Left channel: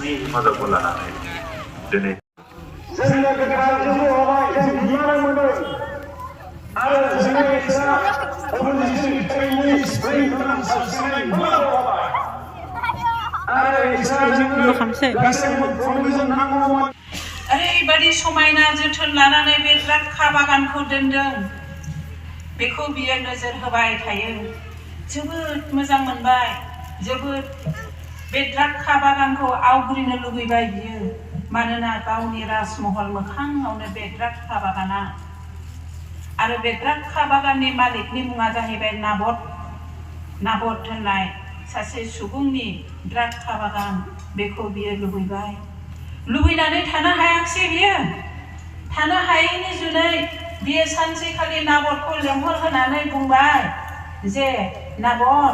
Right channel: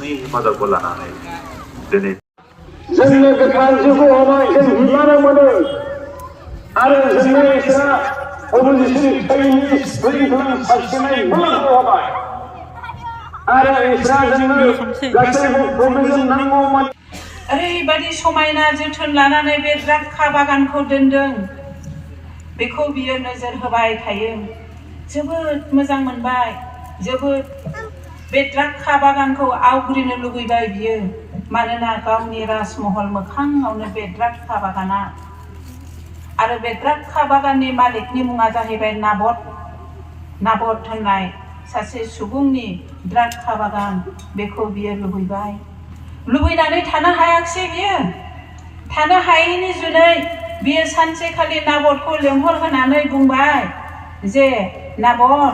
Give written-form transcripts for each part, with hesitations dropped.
नि हेफाजाबखौ लानानै दिनै जोंनो गोथार जिउखौ होबाय जों बिबान मोनो आरो जोंनो इसोरा अबजिसनि थैनि स्प्रिंफोर सारस्रिनाय बोलोखौ होबाय आरो इसोरा जोंनो गासैबो जों नांगौमोन ओरैबायदि समायना जोथोन लानानै बे द्राक्षा बागानखौ दोनदों बेखौ बियो नोजोर होबाय थायो जोबोद मोजां मोनबाय जोबोद बे द्राक्षा बागानखौ आवग्रिनो लुबैबाय बियो मानोना गावनि राजमहल मोखाङावनो बे द्राक्षा बागाना आरो बे द्राक्षा बागाननि मालिकनि मुङा जाहैबाय नाबद होननाय सासे सुबुंनि द्राक्षा बागान बेखौ बियो लुबैनानै थानो हायाखिसै बियो थानो हायैनि जुनै बियो सानसेखालि नाबदखौ लेंहर होनानै बुंबाय जे नाबद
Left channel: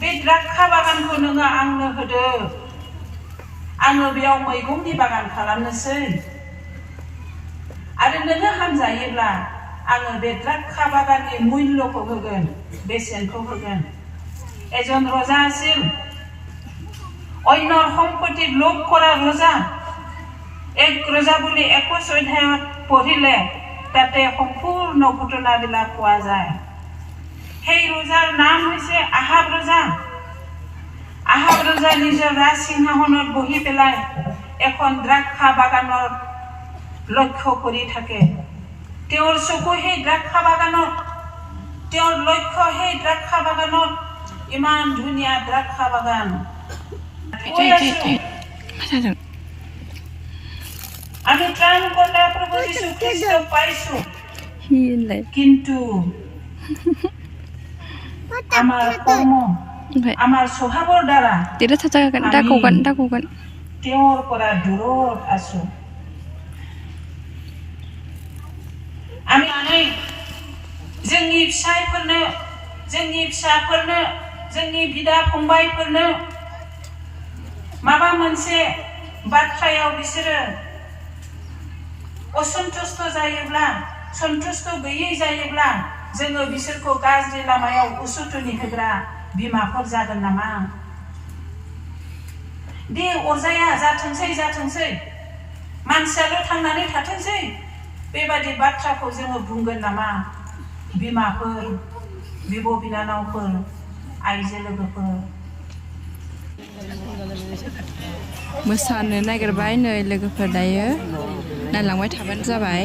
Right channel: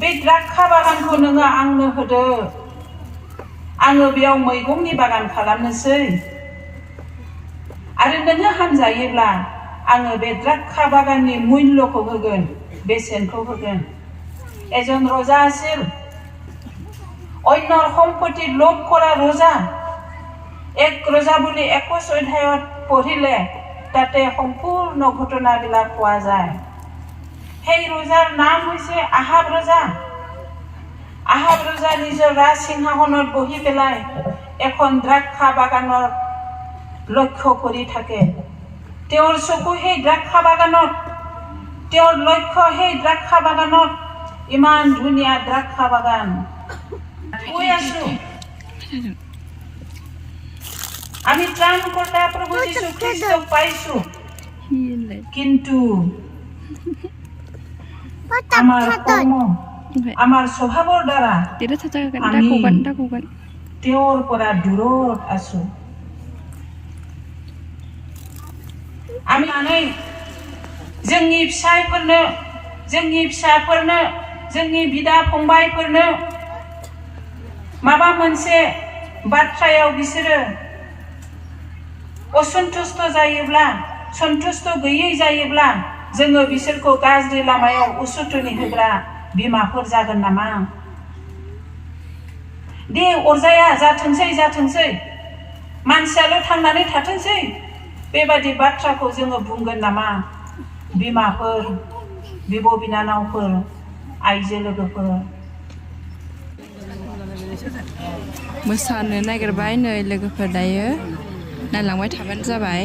बे द्राक्षा बागानखौ नोङो आंनो होदो आङो बेयाव मैगंनि बागान खालामनोसै आरो नोङो हामजायोब्ला आङो बे द्राक्षा बागाननि मुल्यखौ होगोन बेसेनखौ होगोन এজন ৰজা আছিল অন্য সম্পত্তি লোভ কৰা ৰজা এক ৰজা বুলি 21 অধ্যায়ত পঢ়িলে তাতে সম্পূৰ্ণ ঘটনাবিলাক পোৱা যায় সেই ৰজাৰ নাম হৈছে আহাব ৰজা নিজৰ ৰাজ সিংহাসনত বহি পেলাই এখন দ্ৰাক্ষা বাগানৰ লক্ষ্য কৰি থাকে তেওঁৰ চকু সেই দ্ৰাক্ষা বাগানত তেওঁৰ লক্ষ্য সেই দ্ৰাক্ষা বাগানত ইমান ধুনীয়া দ্ৰাক্ষা বাগান আমি ত্ৰাণকৰ্তা প্ৰভু যীশু খ্ৰীষ্টক পাইছো কিন্তু আমাৰ কৰ্ম আমাৰ স্বভাৱৰ দ্বাৰা তেওঁৰ পৰা দূৰত আছো আমি जोंनि फिसायफोरनो जोंनि फिसाफोरनो जोंनि बिदा फंबायफोरनो माबा मोनसे बाथ्रायाव बिसोरो असन्तुष्ट जायोब्ला सन्तुष्ट गैयै जायोब्ला जोङो बिसोरखौ गाज्रि लामायाव उसुथुनि होग्रा बिमाफोर जागोन नामा दे अरजाया जाथोंसै मानसियाल' थांनानै थाथोंसै बेबादि बाथ्राखौ जोङो बुंगोन नामा बिमाफोर बिब' बिनानावफोर आइजो लोगोफोर मोसानो नागिरबाय नै लोगोफोर दायो नायलांबाय थाबानो जाबाय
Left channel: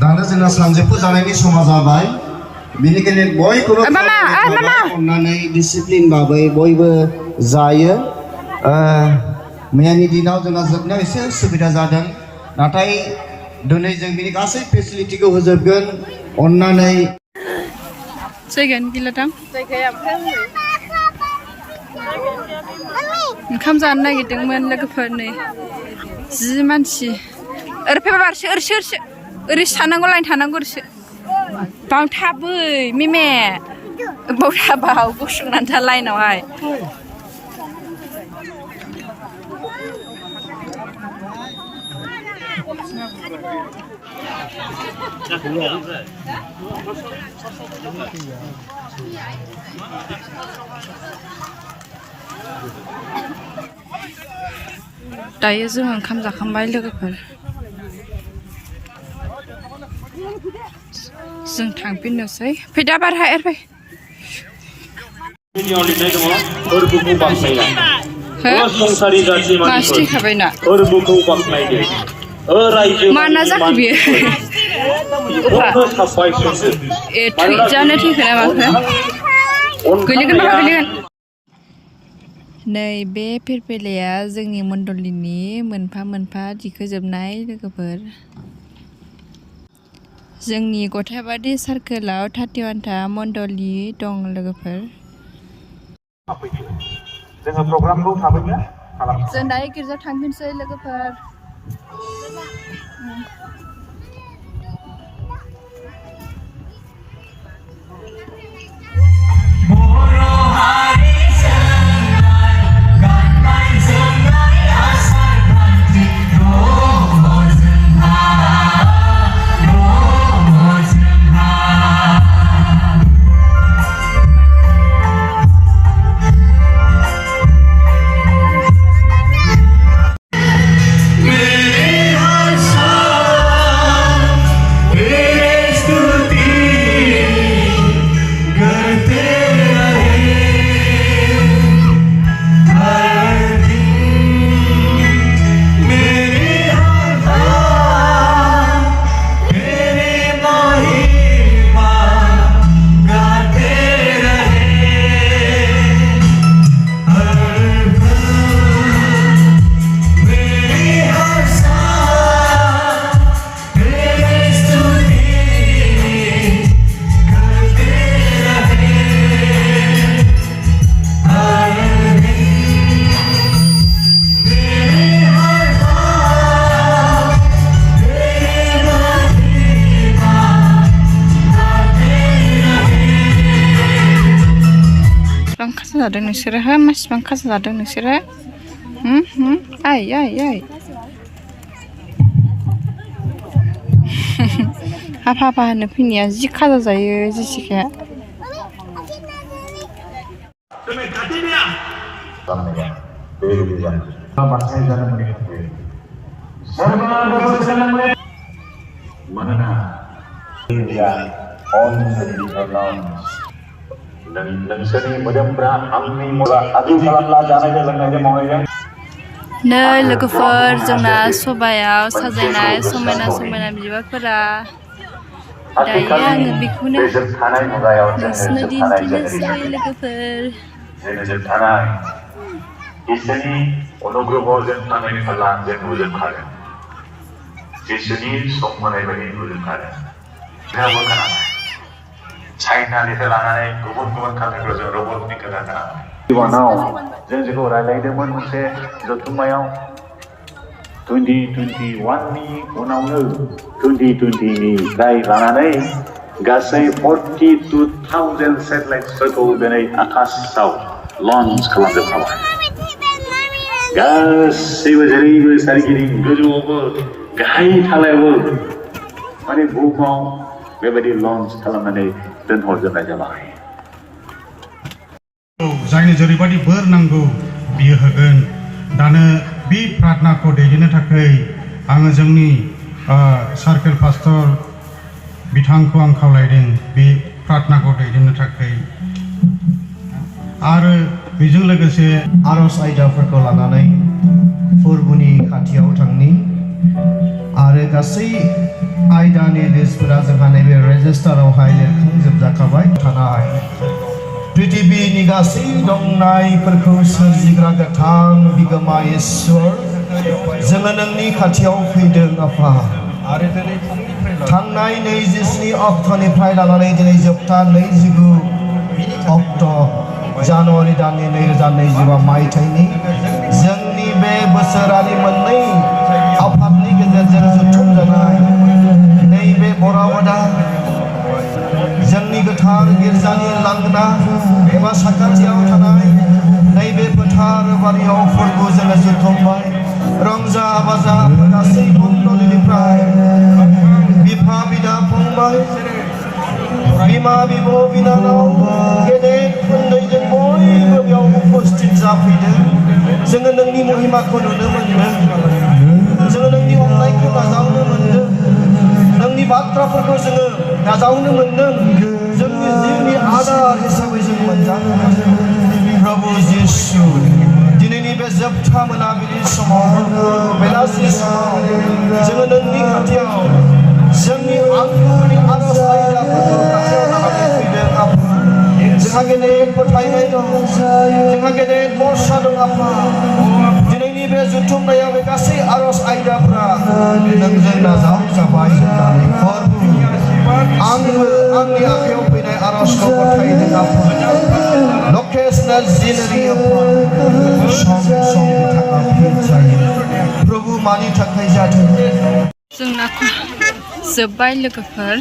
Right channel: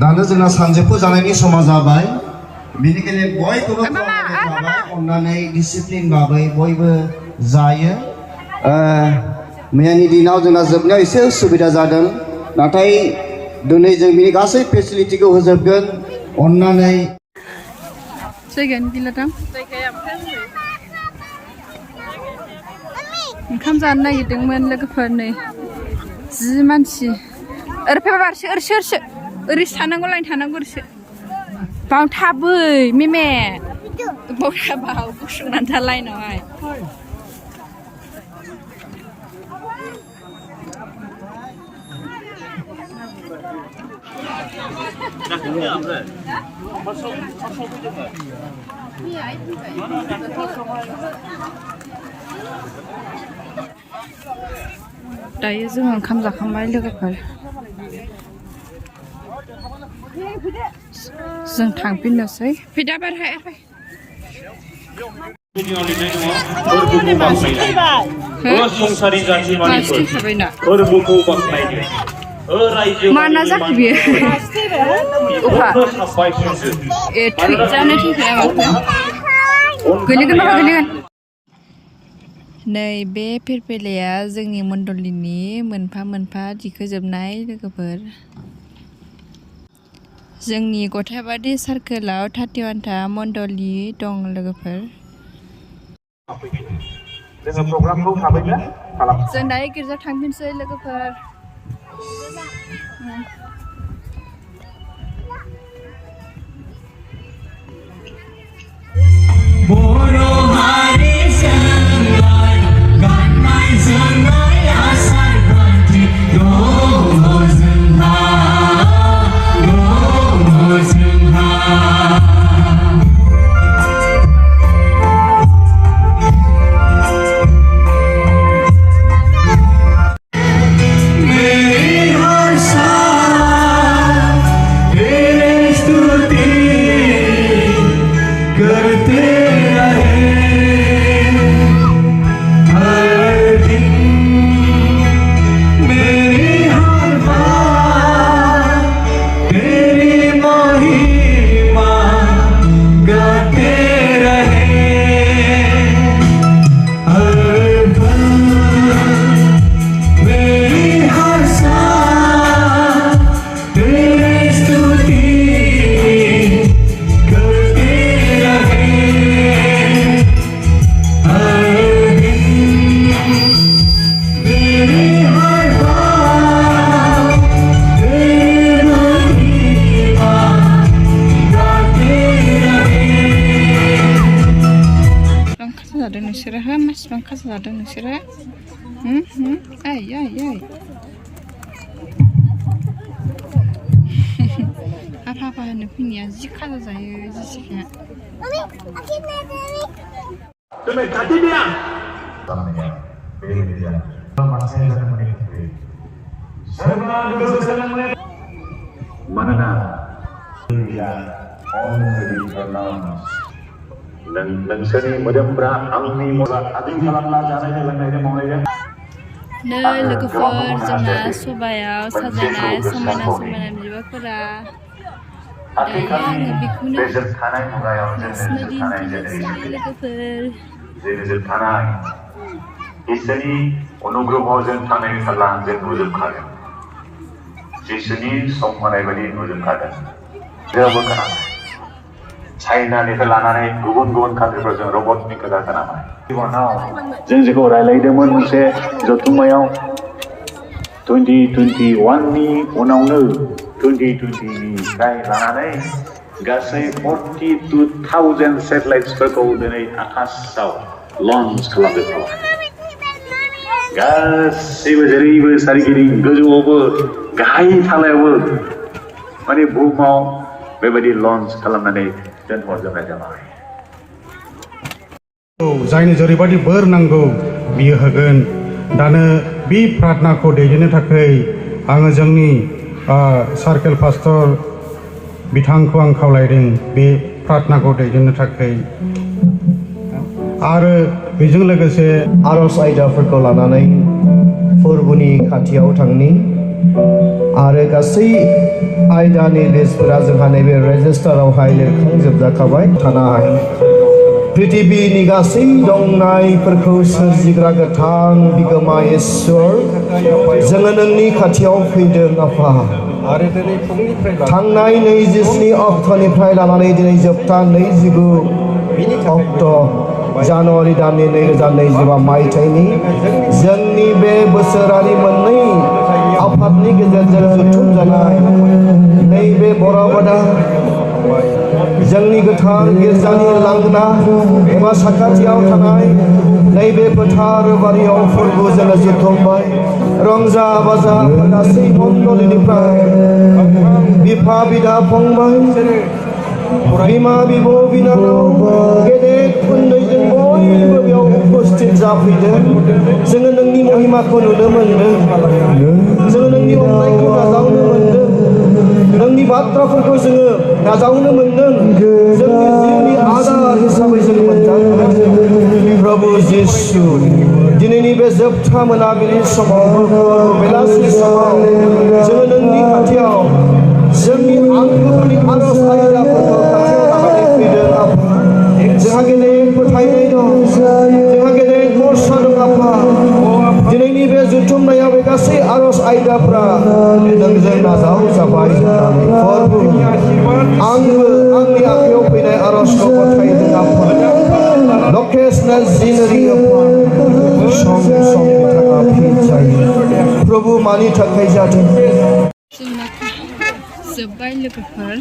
दानो जोंना सानजौफु जानायनि समा जाबाय बेनिखायनो बयखौबो अननानै डिसिप्लिन भाबै बयबो जायो मैयानि दिनाव जोंना जोबनायाव एसे उसुबिदा जादों नाथाय दिनै जों बिनि गासै फेसिलिटिखौ होजोबगोन अननानै जायगायानो गैला दां ओंखाम जानो नागिरदोंमोन लोगोफोर नै 10 मानसि ओरै फैबा ओरैसो ओरै थानांगौ लाइन थानांगौ ओरैसो बाव थाबै मेमे बाव थाबाव गसंनानै था लाइनावहाय दायो जोङो ओंखाम जाखांबाय लोगोफोर जों थांफिननोसै फैदा बारहा एरबाय मानसि थाबायना माना जाखो बियो उफा ए थैजानो थैखो ना माखो गोलैगोन बाबा गोलैगोन नै बे फिरफिलाया जोंनि मण्डलिनि मोनफा मोनफा दिखोजोबनाय लोगोफोर। जोंनि गथायबारि सार्कोलाव 31था मण्डलि दं लोगोफोर। जोङो प्रग्रामखौ थाबैनो खालामो। जों दायो गिर्जायाव थांफिनसै लोगोफोर। जादों नोंसोरो हो मासिबां खाजा जादों नोंसोरो आइ हाफा हाफा होनो फैनाया जि खाजा जायो जेसिकाया। मानोना नोंसोरनि मोदोमफ्रा आंनि आदि खालामना जानायजों लोंनायजों मावनायजों। नै लोगोफोर जोंना सबायाव साजायनाय समायना समायना बिबारफोरा दायो आङो बेखौनो नोंसिनो दिन्थिनोसै लोगोफोर। इसोरनि अनुग्रहजों थांनानै थाब्ला जों नुजोबखागोन। इसोरनि सम होनाय बायदि नुजोबखागोन। चाइनानिफ्राय लानानै गुबुन गुबुन कान्ट्रिफोराव जों रबटनि खोथा खोनाबाय। इउनाव जों जेखौ रायलायदोंमोन मोनसे जथुम्मायाव 2021नि उनावनो 2020निफ्राय लानानै गासै 42,000 सेटेलाइट्सफोरखौ दिनै आकाशाव लन्च खालामजोबखाबाय। गासैबो जेरैबो सारिगिदिं गोजौआवबो गाहाय थालायावबो माने बुहुमाव बेबायदि लन्च खालामनानै दोनहरजोबनाय जाबाय। जायनो जेरैबायदि बोर नांगौ बियो होगोन। दानो बे प्रार्थनाखौ दैदेननो थाखाय आङो जोंनि सार्केल पास्टर बिथांखौ आं खावलायदों बे प्रार्थनाखौ दैदेननो थाखाय। आरो बेजों लोगोसे आरज आयदाफोरखौ लानानै फोरबोनि खाथियाव थांनि आरो गासै आयदानि लिस्टफोरा जोंहा नैबे रेजिस्टारावहाय लिरखांजोबजाखाबाय थानाय। पृथिबीनि गासै दंनायफोरखौ सोरजिग्रा गोथां बिगोमा इसोर, जोङो नोंनि खाथियाव फैदों आफा। थांनाय 27 अक्ट'निफ्राय लानानै दिनै जोबथा 29 अक्ट' जानुवारि दाननि 2025 मायथाइनि जोंनि बे बोसोरारि मोननै आफादनि गेजेरजों जुथुम जानाय नैबे बरावदा जोंनि गोथार गिर्जानि लांगोना एबा साखाथियाव थानाय नैबे फोथार बारियाव फोरबो जोङो जुथुमबाय। रंजा बाजा गासै मण्डलिनिफ्राय बिफा बिदा फंबाय बिमा बिब' बिनानाव गेदेर उन्दैजों बयबो बेयाव उपस्थित जाफैदों। जोङो नोंनि महिमाखौ नुनो मोनदों। जोङो नोंनि अननायखौ नाजावनो मोनदों। नोंनि बाथ्राफोरखौ जोङो नाजावनो मोनदों। जोंनि जिउनि आदार हिसाबै जों मोनजादों। प्रभु जिसु, दिनैनि बे जोबथा मोनाबिलि समाव बेलासि समाव जोङो नोंनि खाथियाव जोंनि आंगोनि आरज आयदाफोरखौ खाथियाव लानानै फैदों आफा। जोंहा गेदेर फोथायनाय दं, जोंहा गेदेर भरसा दं नोंजों नाजाव जाबाय होननानै प्रभु आंनि आखायाव फैनाय आर'जखौ गथायदों आफा लकेसनेल जिनरि सम बिथाङा फिन जायो प्रभु मानि थाखाय जादों जोंना जोब्बाय लोगोफोर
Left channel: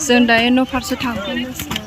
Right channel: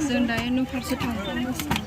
जों दायो न' फारसे थांफिननोसै